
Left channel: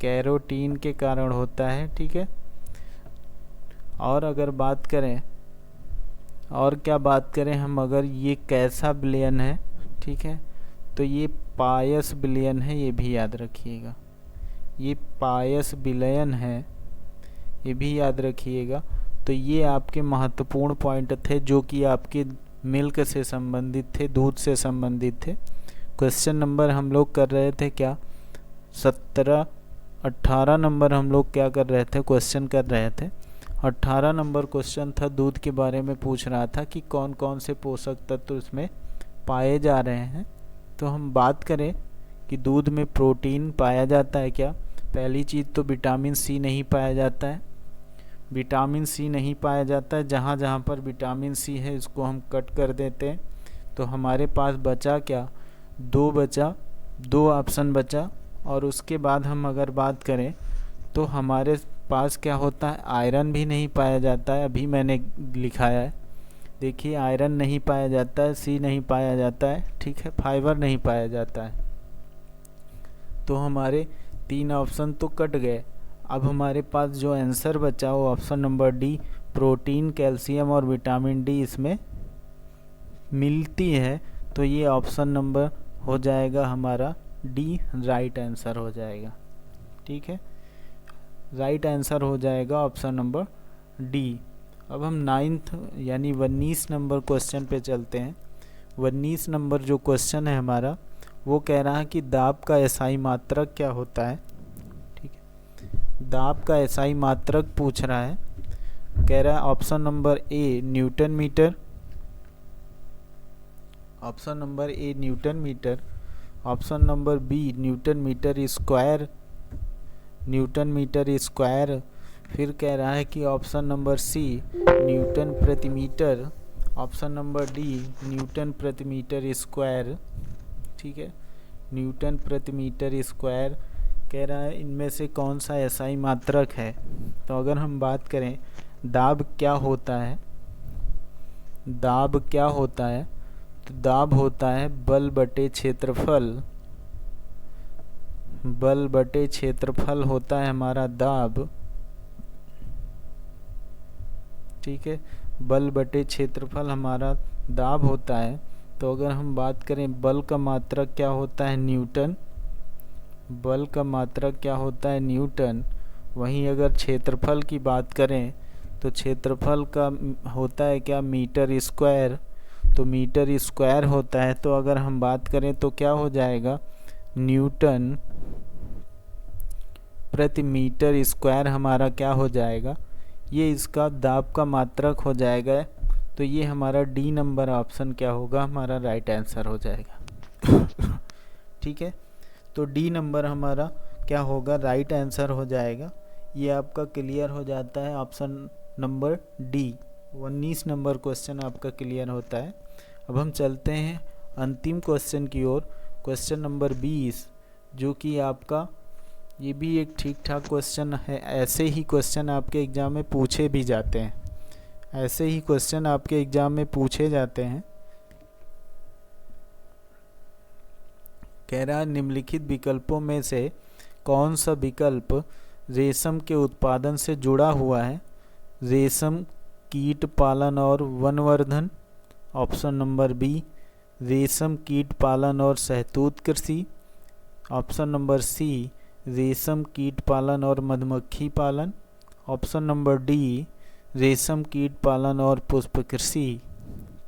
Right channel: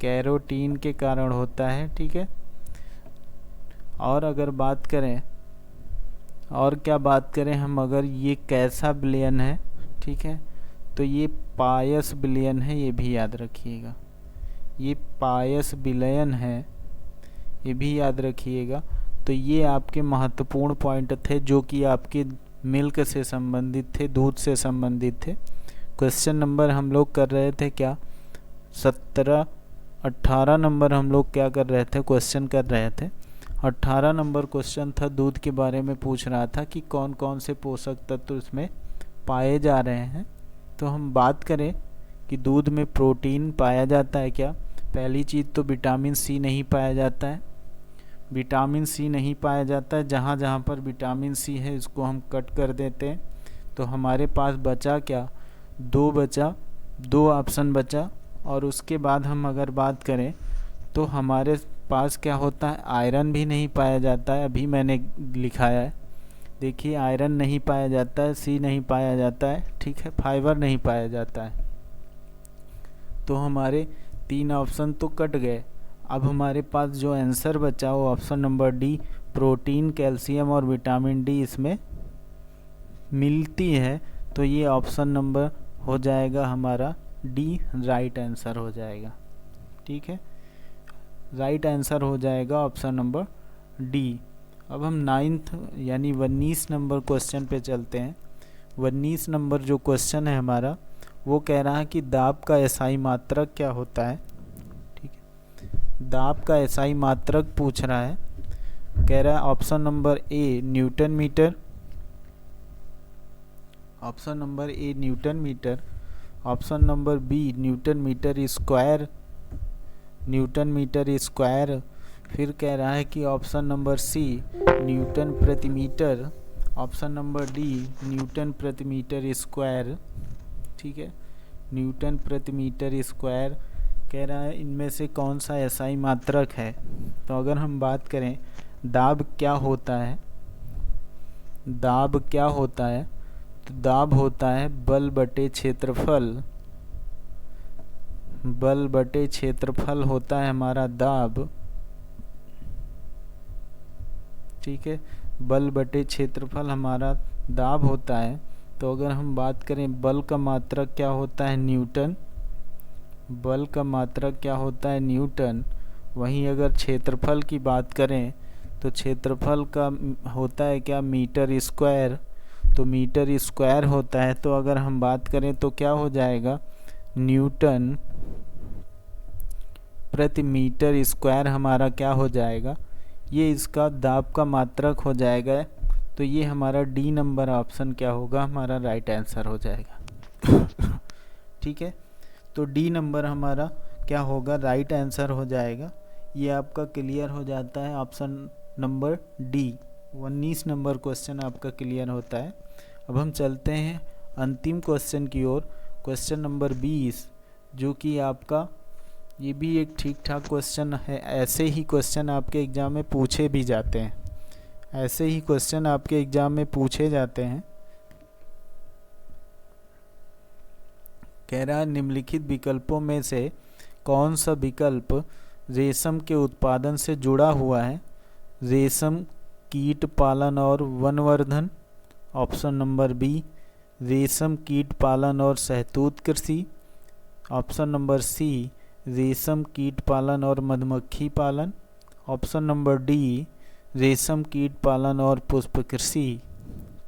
कैरोटीन के कारण होता है। ठीक है। और अगर बात करें, और क्या बात करें हम, अगर ये कैसा विलयन है, ठीक है, तो ये पायस विलयन है, ये भी याद रखिएगा। ये पायस विलयन है, ये भी याद रखिएगा। तो ये आपके महत्वपूर्ण पॉइंट थे जो कि आपके मिल्क से संबंधित थे, दूध से संबंधित थे। क्वेश्चन नंबर हम लोग कर रहे थे क्या, 18 नंबर हम लोग क्या कर रहे थे, क्वेश्चन कर रहे थे। 18 नंबर क्वेश्चन था, दूध के बारे में पूछ रहा था कि कौन कौन से पोषक तत्व इसमें पाए जा रहे हैं। तो हम बात करें कि दूध में प्रोटीन पाया जाता है क्या, पहली चीज़ तो विटामिन सी नहीं पाया जाता है। विटामिन सी नहीं पाया जाता है। जहाँ जहाँ पर विटामिन सी है इसको हम कट कर देते हैं। तो हमारे पास बचा क्या, दो ऑप्शन बचा। और उसके बाद हम अगर बात करें तो हमारे पास क्या होता है, आयरन भी नहीं पाया जाता है। अभी मैंने लिखाया है, देखिए, आयरन नहीं पाया जाता है, सी नहीं पाया जाता है, ठीक है, फाइबर नहीं पाया जाता है। तो हमारे 3 ऑप्शन तो कट गए। अब हमारे पास जो आंसर बचा वो option number D, protein, calcium और विटामिन डी इसमें मिलती है। तो ये ऑप्शन नंबर हो जाएगा हमारा डी, राइट आंसर हो जाएगा। ठीक है, राइट आंसर हो जाएगा ऑप्शन नंबर डी। अब हम 9th यानी 19 नंबर क्वेश्चन पे चलते हैं। 19 नंबर जो क्वेश्चन है हमारा, वो कह रहा है कि दाब का एसआई मात्रक क्या होता है। ठीक है, दाब का एसआई मात्रक पूछ रहा है। कह रहा है option number A newton meter, option number A newton meter, option number B newton meter square, newton meter square. फिर कह रहा है कि ऑप्शन नंबर सी न्यूटन प्रति meter, option number D newton प्रति मीटर स्क्वायर। ठीक है, न्यूटन प्रति मीटर स्क्वायर। कह रहा है इनमें से कौन सा एसआई मात्रक है। तो अगर हम बात करें दाब क्या होता है, दाब क्या होता है, तो दाब होता है बल बटे क्षेत्रफल, बल बटे क्षेत्रफल होता है हमारा दाब। ठीक है, बल बटे क्षेत्रफल हमारा दाब होता है। तो अगर हम बात करें बल का मात्रक क्या होता है, न्यूटन, बल का मात्रक क्या होता है, न्यूटन। वहीं अगर क्षेत्रफल की बात करें तो क्षेत्रफल का होता है क्या, मीटर स्क्वायर। तो मीटर स्क्वायर होता है। तो अगर हम बात करें तो क्या हो जाएगा, न्यूटन प्रति मीटर स्क्वायर हमारा क्या हो जाएगा, ये इसका दाब का मात्रक हो जाएगा। तो ये हमारा डी नंबर ऑप्शन क्या होगा, हमारा राइट आंसर हो जाएगा। ठीक है, तो डी नंबर हमारा क्या होगा, राइट आंसर हो जाएगा। ये आपका क्लियर हो जाता है, option number D. 19 number question आपका क्लियर होता है। अब हम चलते हैं अंतिम क्वेश्चन की ओर, क्वेश्चन नंबर 20, जो कि आपका ये भी एक ठीक ठाक क्वेश्चन है। ऐसे ही क्वेश्चन आपके एग्ज़ाम में पूछे भी जाते हैं, ऐसे ही क्वेश्चन आपके एग्ज़ाम में पूछे जाते हैं। कह रहा है निम्नलिखित विकल्पों में से कौन सा विकल्प रेशम के उत्पादन से जुड़ा हुआ है, रेशम कीट पालन और वनवर्धन, ऑप्शन नंबर बी रेशम कीट पालन और शहतूत कृषि, ऑप्शन नंबर सी रेशम कीट पालन और मधुमक्खी पालन, ऑप्शन नंबर डी रेशम कीट पालन और पुष्प कृषि।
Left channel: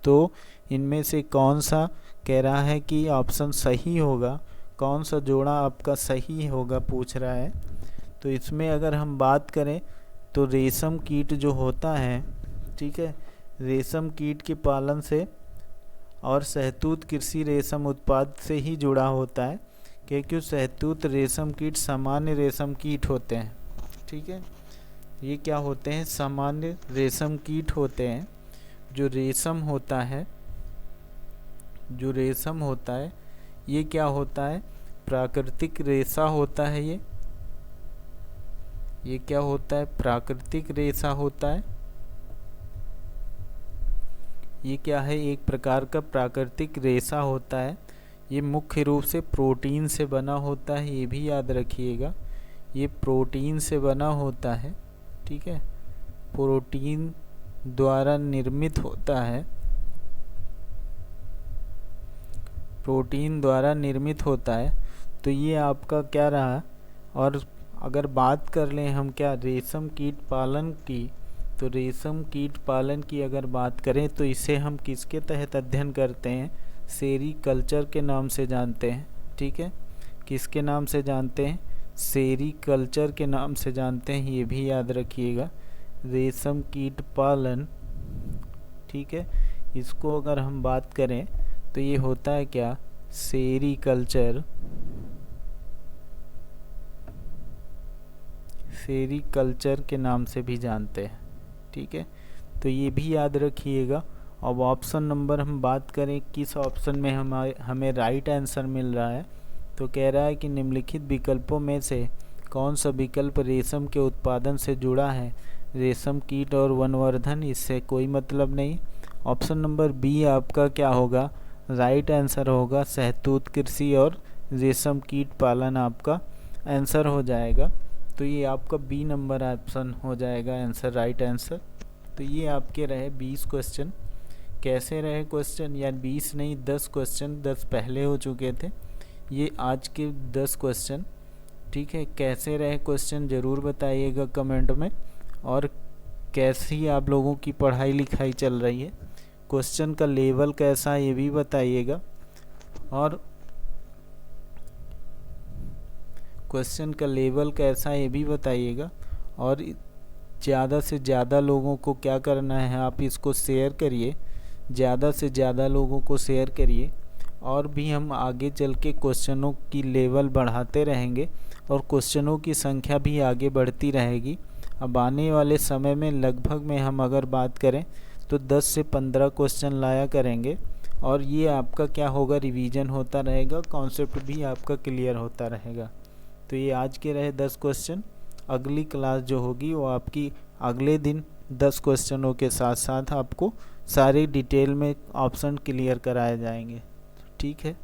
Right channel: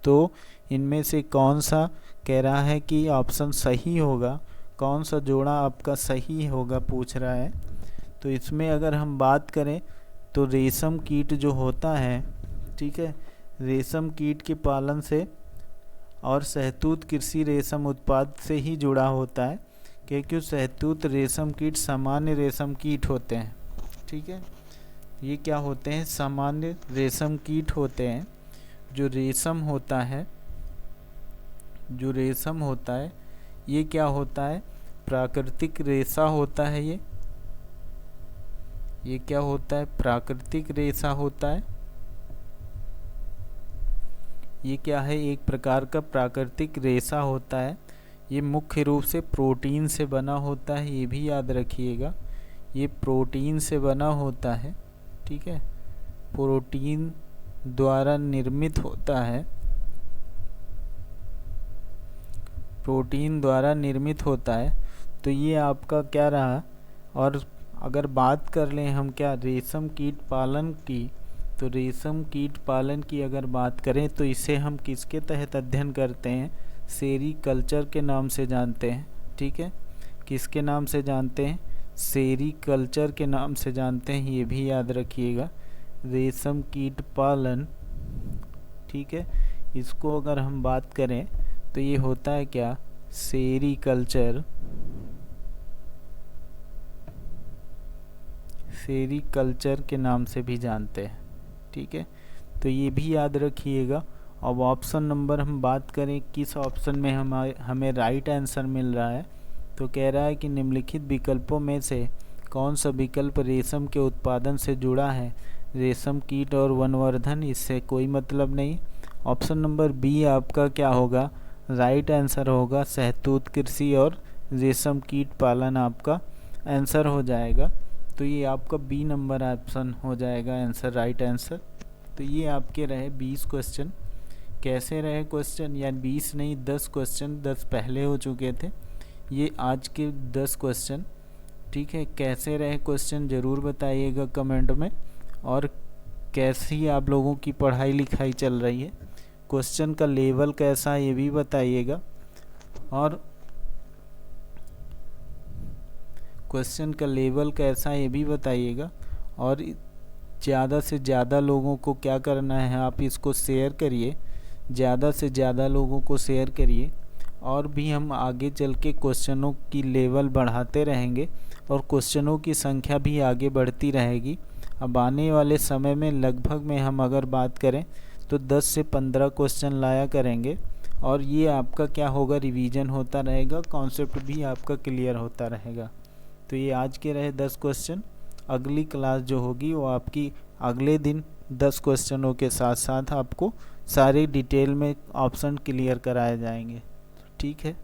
तो इनमें से कौन सा कह रहा है कि ऑप्शन सही होगा, कौन सा जोड़ा आपका सही होगा पूछ रहा है। तो इसमें अगर हम बात करें तो रेशम कीट जो होता है, ठीक है, रेशम कीट के पालन से और शहतूत कृषि रेशम उत्पाद से ही जुड़ा होता है, क्योंकि शहतूत रेशम कीट सामान्य रेशम कीट होते हैं। ठीक है, ये क्या होते हैं? सामान्य रेशम कीट होते हैं। जो रेशम होता है, जो रेशम होता है ये क्या होता है? प्राकृतिक रेशा होता है। ये क्या होता है? प्राकृतिक रेशा होता है। ये क्या है? एक प्रकार का प्राकृतिक रेशा होता है। ये मुख्य रूप से प्रोटीन से बना होता है, ये भी याद रखिएगा। ये प्रोटीन से बना होता है, ठीक है, प्रोटीन द्वारा निर्मित होता है, प्रोटीन द्वारा निर्मित होता है। तो ये आपका क्या रहा? और अगर बात कर लें हम क्या रेशम कीट पालन की, तो रेशम कीट पालन की अगर बात करें तो इसे हम किसके तहत अध्ययन करते हैं? सेरीकल्चर के नाम से जानते हैं। ठीक है, किसके नाम से जानते हैं? सेरीकल्चर के नाम से जानते हैं, ये भी याद रखिएगा। रेशम कीट पालन, ठीक है, इसको अगर हम बात करें तो ये होता है क्या? सेरीकल्चर। सेरीकल्चर के नाम से भी जानते हैं। ठीक है, तो ये भी याद रखिएगा। अब ऑप्शन नंबर हम बात करें, किस ऑप्शन में हमें राइट आंसर मिल रहा है, तो कह रहा है कि निम्नलिखित विकल्पों में से कौन सा विकल्प रेशम के उत्पादन से जुड़ा है? रेशम कीट और वनवर्धन, इससे कोई मतलब नहीं। ऑप्शन नंबर बी आपका क्या होगा? राइट आंसर होगा। शहतूत कृषि और रेशम कीट पालन आपका आंसर हो जाएगा। तो ये आपका बी नंबर ऑप्शन हो जाएगा आंसर, राइट आंसर। तो ये आपके रहे 20 क्वेश्चन। कैसे रहे क्वेश्चन? या 20 नहीं, 10 क्वेश्चन, 10 पहले हो चुके थे, ये आज के 10 क्वेश्चन। ठीक है, कैसे रहे क्वेश्चन ज़रूर बताइएगा कमेंट में। और कैसी आप लोगों की पढ़ाई लिखाई चल रही है, क्वेश्चन का लेवल कैसा है ये भी बताइएगा। और क्वेश्चन का लेवल कैसा है ये भी बताइएगा। और ज़्यादा से ज़्यादा लोगों को क्या करना है, आप इसको शेयर करिए, ज़्यादा से ज़्यादा लोगों को शेयर करिए। और भी हम आगे चल के क्वेश्चनों की लेवल बढ़ाते रहेंगे और क्वेश्चनों की संख्या भी आगे बढ़ती रहेगी। अब आने वाले समय में लगभग में हम अगर बात करें तो 10 से 15 क्वेश्चन लाया करेंगे। और ये आपका क्या होगा? रिवीजन होता रहेगा, कॉन्सेप्ट भी आपका क्लियर होता रहेगा। तो ये आज के रहे 10 क्वेश्चन। अगली क्लास जो होगी वो आपकी अगले दिन 10 क्वेश्चनों के साथ साथ आपको सारे डिटेल में ऑप्शन क्लियर कराए जाएंगे। ठीक है।